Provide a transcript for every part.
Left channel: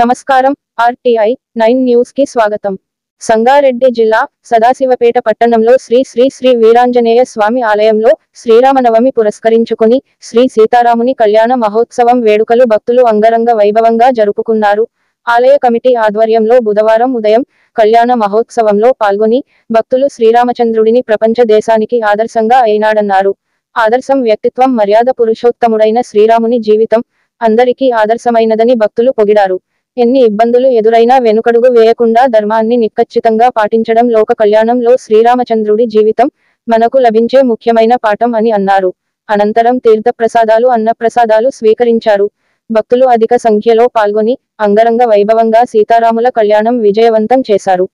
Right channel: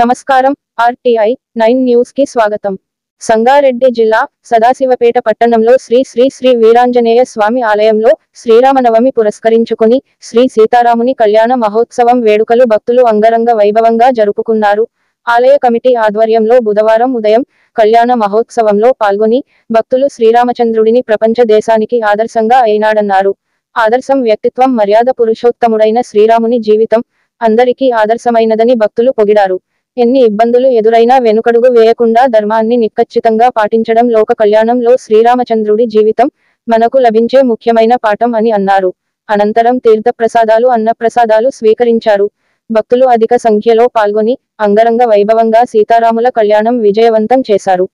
నమస్కారం. RTI 9 news కి స్వాగతం. సంగారెడ్డి జిల్లా సదాశివపేట పట్టణంలో శ్రీ శ్రీ శ్రీ వీరాంజనేయ స్వామి ఆలయంలో శ్రీరామనవమి పురస్కరించుకుని శ్రీ సీతారాముని కళ్యాణ మహోత్సవం వేడుకలు భక్తులు అంగరంగ వైభవంగా జరుపుకున్నారు. ఆలయ కమిటీ ఆధ్వర్యంలో బుధవారం ఉదయం కళ్యాణ మహోత్సవంలో పాల్గొని భక్తులు శ్రీరామచంద్రుడిని ప్రపంచ దేశానికి ఆదర్శంగా అయినాడన్నారు. ఆదర్శం వ్యక్తిత్వం, మర్యాద, పురుషోత్తముడైన శ్రీరాముని జీవితం అందరికీ ఆదర్శమైనదని భక్తులు పొగిడారు. ఎన్ని ఇబ్బందులు ఎదురైనా వెనుకడుగు వేయకుండా ధర్మాన్ని నిక్కచ్చితంగా పాటించడం లోక కళ్యాణంలో శ్రీరామచంద్రుడి జీవితం మనకు లభించే ముఖ్యమైన పాఠం అని అన్నారు. అనంతరం తీర్థప్రసాదాలు, అన్నప్రసాదాలు స్వీకరించారు. భక్తులు అధిక సంఖ్యలో పాల్గొని అంగరంగ వైభవంగా సీతారాముల కళ్యాణం విజయవంతం చేశారు.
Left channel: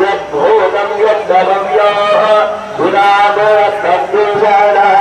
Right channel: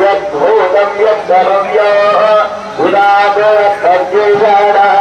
यद्भूतं यद्दव्यः गुणागोरत्तर्जेषाणः